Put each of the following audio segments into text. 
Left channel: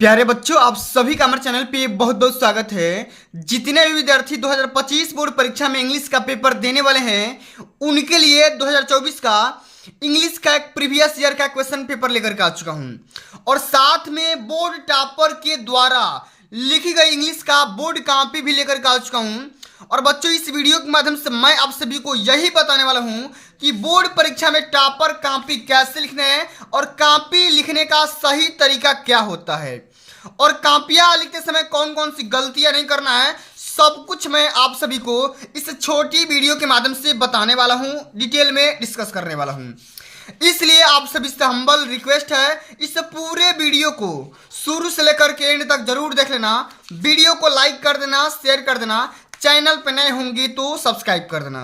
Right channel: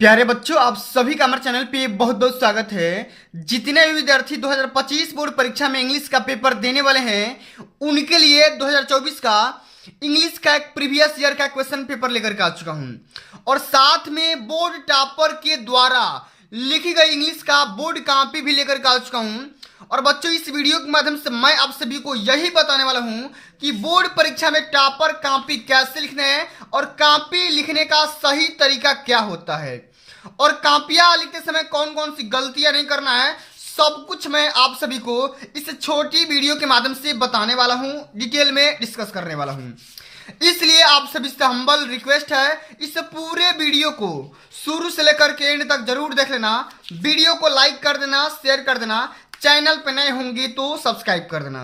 प्यारे बच्चों, आप सभी का हमारे चैनल पे बहुत बहुत स्वागत है। जितने भी विद्यार्थी 2025 बोर्ड परीक्षा में इंग्लिश का पेपर देने वाले हैं उनके लिए 2024 का इंग्लिश का एक प्रीवियस ईयर का क्वेश्चन पेपर लेकर के आ चुका हूं और साथ में बोर्ड टॉपर के द्वारा लिखी गई इंग्लिश का बोर्ड कॉपी भी लेकर के आ चुका हूं। और बच्चों, इस वीडियो के माध्यम से मैं आप सभी को यही बताने वाला हूं कि बोर्ड परीक्षा में टॉपर कॉपी कैसे लिखने हैं और कॉपी लिखने का सही तरीका क्या होता है और कॉपियां लिखते समय कौन कौन सी गलतियां नहीं करना है, सब कुछ मैं आप सभी को इस छोटी वीडियो के माध्यम से बताने वाला हूं, डिटेल में डिस्कस करने वाला हूं। इसलिए आप सभी से हम्बल रिक्वेस्ट है, इस पूरे वीडियो को शुरू से लेकर के एंड तक जरूर देख लेना। वीडियो को लाइक कर देना, शेयर कर देना, चैनल पे नए होंगे तो सब्सक्राइब कर देना।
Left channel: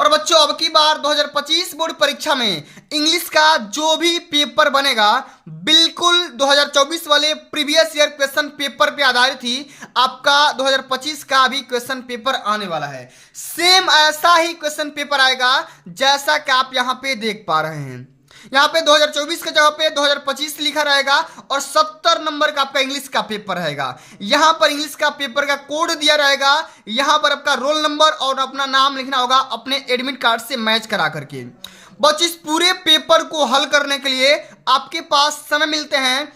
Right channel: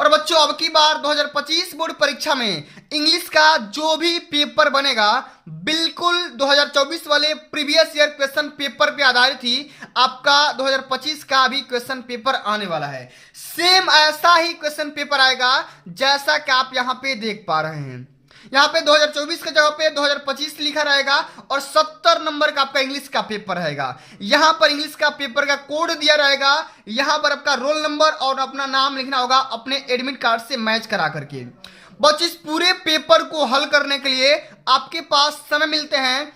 और बच्चों, अब की बार 2025 बोर्ड परीक्षा में इंग्लिश का जो भी पेपर बनेगा बिल्कुल 2024 वाले प्रीवियस ईयर क्वेश्चन पेपर पे आधारित ही आपका 2025 का भी क्वेश्चन पेपर आने वाला है। सेम ऐसा ही क्वेश्चन पेपर आएगा जैसा कि आप यहाँ पे देख पा रहे हैं। यहाँ पे 2024 के जगह पे 2025 लिखा रहेगा और 70 नंबर का आपका इंग्लिश का पेपर रहेगा। यहाँ पर इंग्लिश का पेपर का कोड दिया रहेगा, यहाँ पर आपका रोल नंबर और अपना नाम लिखना होगा अपने एडमिट कार्ड से मैच करा करके। बस इस पूरे पेपर को हल करने के लिए आपके पास समय मिलते हैं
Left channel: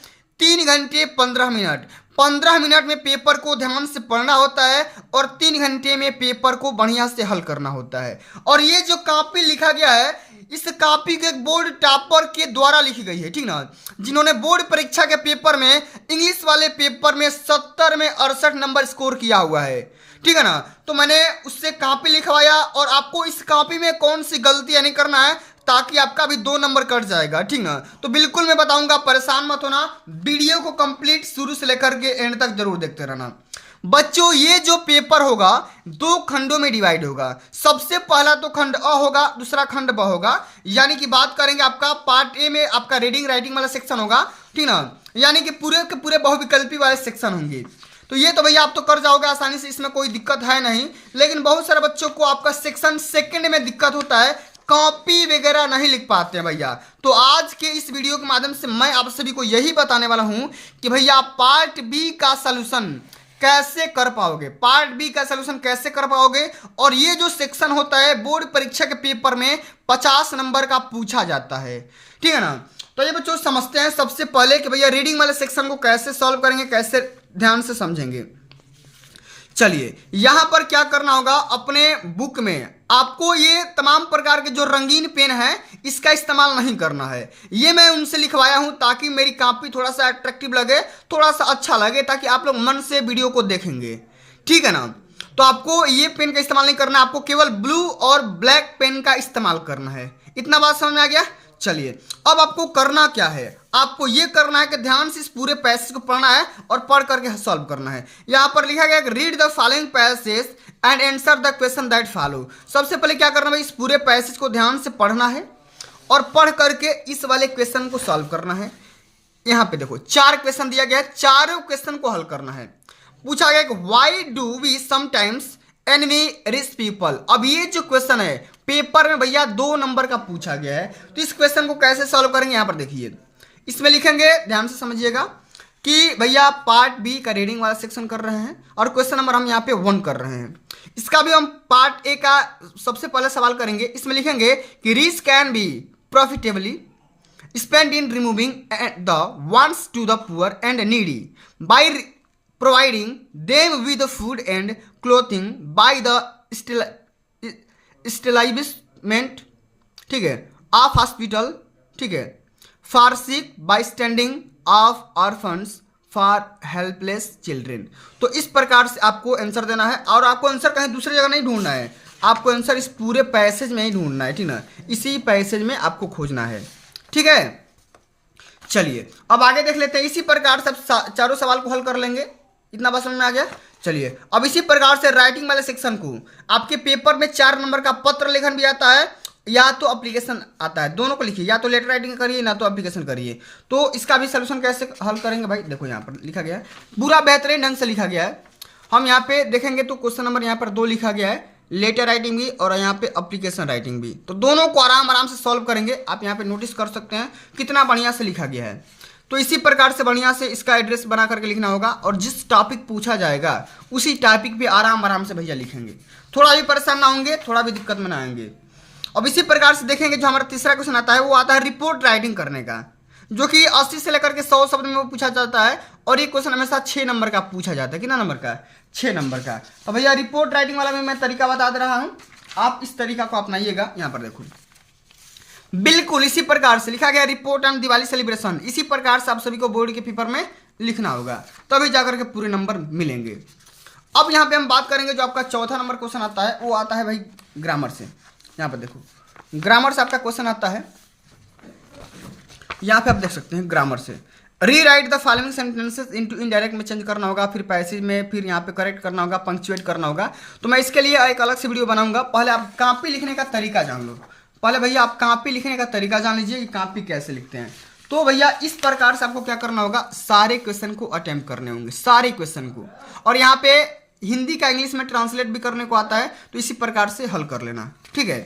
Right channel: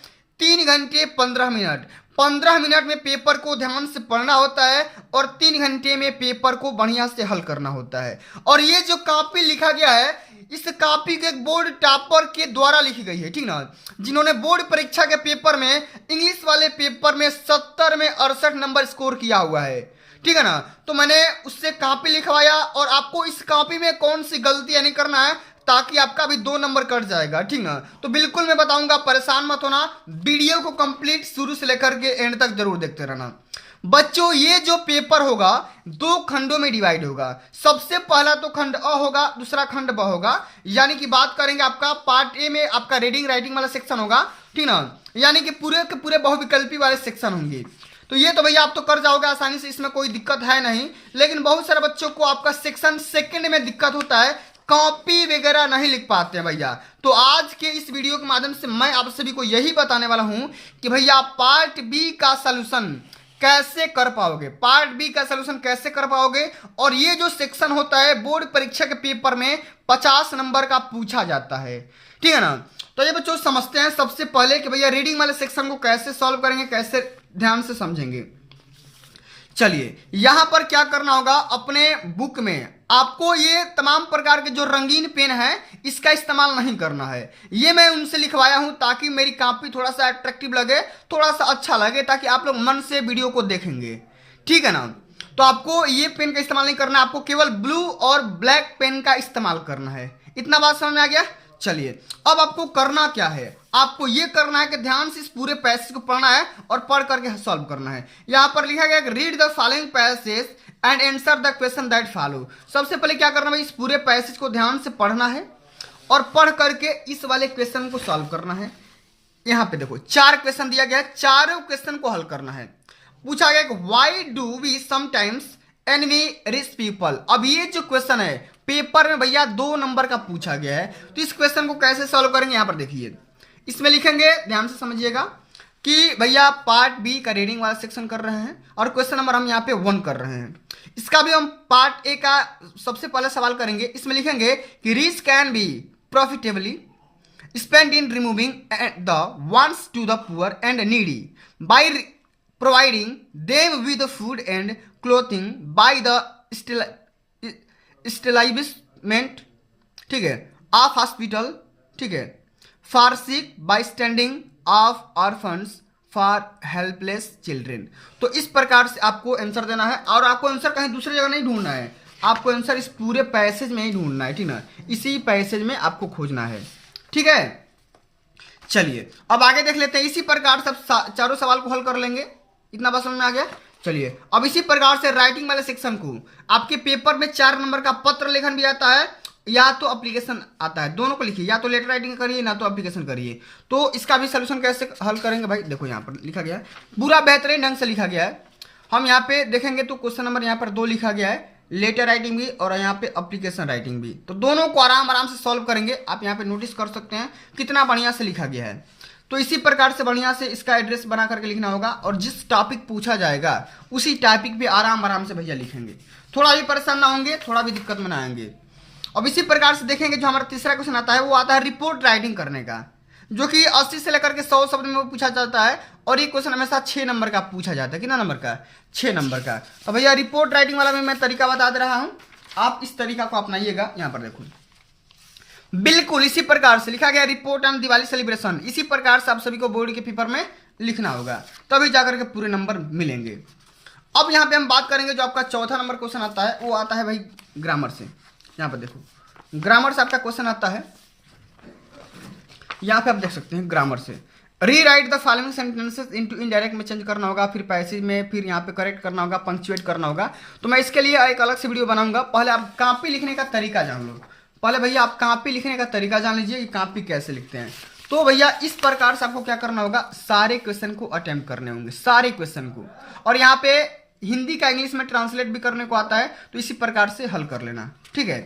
3 घंटे 15 मिनट। 15 मिनट में पेपर को ध्यान से पढ़ना होता है और 3 घंटे में पेपर को बढ़िया से हल करना होता है। और ये जो कॉपी लिखा गया है, इस कॉपी के बोर्ड टॉपर के द्वारा लिखी गई है, ठीक ना, जिन्होंने बोर्ड परीक्षा के पेपर में इंग्लिश वाले पेपर में 70 में 68 नंबर स्कोर किया हुआ है, ठीक है ना। तो मैंने उससे कॉपी लिखवाया और आपको इस कॉपी में कौन सी गलतियां नहीं करना है ताकि आपका भी 2 नंबर कट जाएगा, ठीक ना। तो बिल्कुल मैं बताऊंगा, परेशान मत होना, वीडियो को कंप्लीट शुरू से लेकर के एंड तक जरूर देखते रहना। बच्चों, ये जो पेपर होगा 2 खंडों में डिवाइड होगा। सबसे पहला तो खंड अ होगा, दूसरा खंड ब होगा। यानी कि बात करेंगे आपका पार्ट ए में आपका रीडिंग राइटिंग वाला सेक्शन होगा, ठीक ना। यानी कि पूरे के पूरे बहुविकल्पी वाले सेक्शन होंगे। तो ये तो भैया आप तो कर जाओगे आसानी से, इसमें कोई दिक्कत है नहीं। लेकिन बहुत सारे बच्चों को आपका सेक्शन सेकंड में दिक्कत होता है, कॉपी वगैरह नहीं लिख पाते हैं भैया। तो आज के इस वीडियो के माध्यम से मैं आप सभी को यही बताने वाला हूं कि भैया पार्ट बी का सलूशन कैसे कर पाओगे, पार्ट बी का सलूशन कैसे कर पाओगे। और ये जो सेक्शन होता है बोर्ड परीक्षा के पेपर में 50 नंबर का पूछा जाता है, ठीक है ना। तो ये बच्चों समझते हैं सबसे पहले कि भैया रीडिंग वाले सेक्शन को कैसे सॉल्व करेंगे, कैसे ध्यान से समझेंगे। चलिए, यहां पर क्या करना होगा, अपने बुक में आपको ये तमाम प्रकार के जो रंगीन पेन है इसका इस्तेमाल नहीं करना है। ये मैं उनसे लिखवाया हूं ताकि मेरी कॉपी थोड़ा सा अट्रैक्टिव लगे, थोड़ा सा अच्छा लगे, ताकि आप लोग मन से वीडियो को देखेंगे, ठीक है ना। तो आपको ये पेन का इस्तेमाल नहीं करना है, आपको केवल ब्लू और ब्लैक पेन का इस्तेमाल करना है। इतना बात समझ में आ गया। चलिए, अब आपको करना क्या है, आपको यह करना है कि ध्यान से इस पूरे पैसेज को पढ़ना है और पढ़ करके सॉल्व करना है। यहां पर लिखा गया read the following passage and answer the question that follow. सबसे पहले क्या करना है, इस पूरे पैसेज को ध्यान से पढ़ना है और पढ़ करके इस वाले क्वेश्चन को सॉल्व करना है। यहां पे देखो 4 क्वेश्चन दिया गया है, चारों क्वेश्चन को हल करना है। पूछा गया कि why do we sometimes envy rich people. अब ये जो क्वेश्चन है पेपर में भैया 2 नंबर का पूछा गया है, तो इस क्वेश्चन को कैसे सॉल्व करेंगे यहां पर देखिए। इसमें लिखेंगे, ध्यान से समझिएगा कि भैया पार्ट बी का रीडिंग वाला सेक्शन कर रहे हैं और क्वेश्चन नंबर हम यहाँ पे 1 कर रहे हैं। इसका भी हम पार्ट ए का सबसे पहले सवाल करेंगे। इसमें लिखेंगे कि rich can be profitably spend in removing the wants to the poor and needy by providing them with food and clothing by the establishment, ठीक है, ऑफ हॉस्पिटल, ठीक है, for sick by standing of orphans for helpless children. तो इस प्रकार से आपको answer देना है और आपको आंसर कहीं दूसरी जगह नहीं ढूंढना है, आपको आंसर इस पूरे पैसेज में ही ढूंढना है, ठीक ना। इसी पैसेज में आपको खोजना है, ठीक है। चलिए, अब आगे देख लेते हैं। इसी प्रकार से चारों सवाल को हल कर लेंगे। इतना बात समझ में आ गया। चलिए, अब इसी प्रकार से राइटिंग वाले सेक्शन को आपके पेपर में 4 नंबर का पत्र लेखन भी आता है या तो एप्लीकेशन आता है, दोनों को लिखिए, या तो लेटर राइटिंग करिए ना तो एप्लीकेशन करिए। तो इसका भी सलूशन कैसे हल करेंगे भाई, देखो यहाँ पर लिखा गया है, पूरा बेहतरीन ढंग से लिखा गया है। हम यहाँ पे देखेंगे तो क्वेश्चन नंबर यहाँ पर 2 लिखा गया है, लेटर राइटिंग भी और यहाँ पे एप्लीकेशन राइटिंग भी। तो दोनों को आराम आराम से सॉल्व करेंगे। आप यहाँ पे नोटिस कर सकते हैं कितना बढ़िया से लिखा गया है। तो इसी प्रकार से बढ़िया से इसका एड्रेस बना करके लिखना होगा और जिस टॉपिक पूछा जाएगा उसी टॉपिक पे आराम आराम से भैया लिखेंगे, थोड़ा भी परेशान ना होंगे, थोड़ा भी दिक्कत में ना आएंगे। अब इसी प्रकार से देखेंगे जो हमारा तीसरा क्वेश्चन आता है वो आता है रिपोर्ट राइटिंग करने का, जो कि 80 से लेकर के 100 शब्द में वो पूछा जाता है और ये क्वेश्चन हमेशा 6 नंबर का पूछा जाता है। कितना नंबर का? 6 नंबर का। तो भैया रिपोर्ट राइटिंग वाला में मैं तरीका बता दे रहा हूँ, आप इस तरीका को अपनाइएगा। यहाँ पर देखो बिल्कुल इसी प्रकार से लिखा गया रिपोर्ट ऑन दिवाली सेलिब्रेशन, इसी प्रकार से आप सभी को बोर्ड के पेपर में लिखना होगा, तभी जाकर के पूरे नंबर मिलेंगे। अब यहाँ पे हम बात करेंगे जो आपका चौथा नंबर क्वेश्चन आता है वो आता है भाई ग्रामर से। यहाँ पर देखो ग्रामर से आपका क्वेश्चन आता है, यहाँ पे आप देख सकते हैं ग्रामर से री right the following sentences into indirect में चेंज करना होगा, फिर पैसेज में, फिर यहाँ पे करेक्ट करना होगा, पंक्चुएट करना होगा। तो मैं इसके लिए एक अलग से वीडियो बनाऊंगा, पहले आप कॉपी लिखने का तरीका जान लो। पहले भैया आप कॉपी लिखने का तरीका जान लीजिए कि कॉपी कैसे लिखते हैं। तो भैया इस प्रकार से आपको क्या करना होगा, सारे क्वेश्चन को अटेम्प्ट करने होंगे, सारे क्वेश्चन को, और यहाँ पे हिंदी का इंग्लिश में ट्रांसलेट भी करने को आता है, तो इसी प्रकार से हल कर लेना, ठीक है।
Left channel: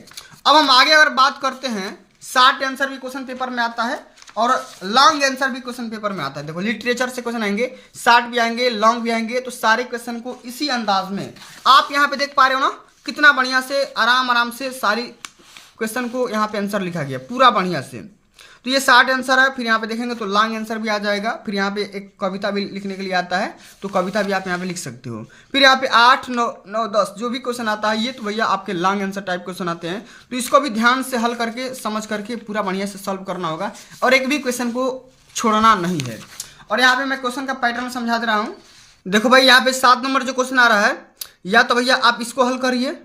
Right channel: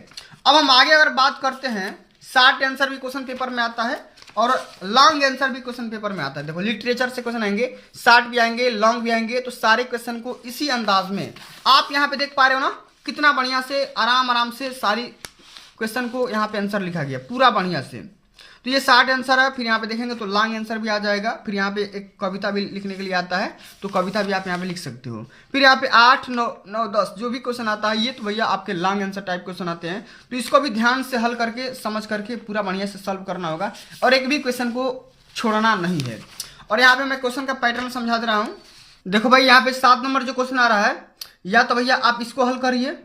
अब हम आगे अगर बात करते हैं, शॉर्ट आंसर भी क्वेश्चन पेपर में आता है और लॉन्ग आंसर भी क्वेश्चन पेपर में आता है। देखो लिटरेचर से क्वेश्चन आएंगे, शॉर्ट भी आएंगे, लॉन्ग भी आएंगे, तो सारे क्वेश्चन को इसी अंदाज में आप यहाँ पे देख पा रहे हो ना, कितना बढ़िया से आराम आराम से सारी क्वेश्चन को यहाँ पे आंसर लिखा गया पूरा बढ़िया से। तो ये शॉर्ट आंसर है, फिर यहाँ पे देखेंगे तो लॉन्ग आंसर भी आ जाएगा, फिर यहाँ पे एक कविता भी लिखने के लिए आता है, तो कविता भी आप यहाँ पे लिख सकते हो। फिर यहाँ पे 8, 9, 10 जो भी क्वेश्चन आता है ये तो भैया आपके लॉन्ग आंसर टाइप क्वेश्चन आते हैं, तो इसको भी ध्यान से हल करके समझ करके पूरा बढ़िया से सॉल्व करना होगा और एक भी क्वेश्चन को छोड़ना नहीं है। और यहाँ पे मैं क्वेश्चन का पैटर्न समझा दे रहा हूँ। देखो भाई यहाँ पे 7 नंबर जो क्वेश्चन आ रहा है, या तो भैया आप इसको हल करिए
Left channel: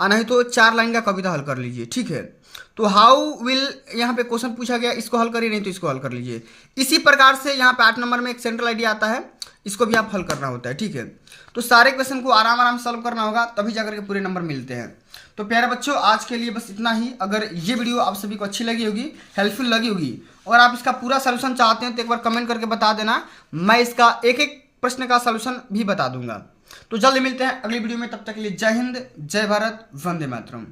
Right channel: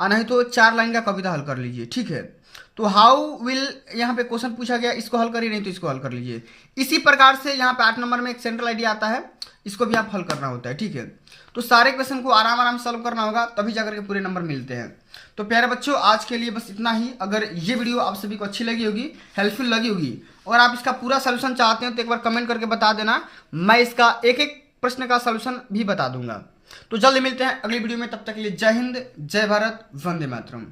और नहीं तो 4 लाइन का कविता हल कर लीजिए, ठीक है। तो हाउ विल यहाँ पे क्वेश्चन पूछा गया, इसको हल करिए, नहीं तो इसको हल कर लीजिए। इसी प्रकार से यहाँ पे 8 नंबर में एक सेंट्रल आइडिया आता है, इसको भी आप हल करना होता है, ठीक है। तो सारे क्वेश्चन को आराम आराम सॉल्व करना होगा, तभी जाकर के पूरे नंबर मिलते हैं। तो प्यारे बच्चों आज के लिए बस इतना ही। अगर ये वीडियो आप सभी को अच्छी लगी होगी, हेल्पफुल लगी होगी, और आप इसका पूरा सोल्यूशन चाहते हैं तो एक बार कमेंट करके बता देना, मैं इसका एक एक प्रश्न का सोल्यूशन भी बता दूंगा। तो जल्दी मिलते हैं अगली वीडियो में, तब तक के लिए जय हिंद, जय भारत, वंदे मातरम।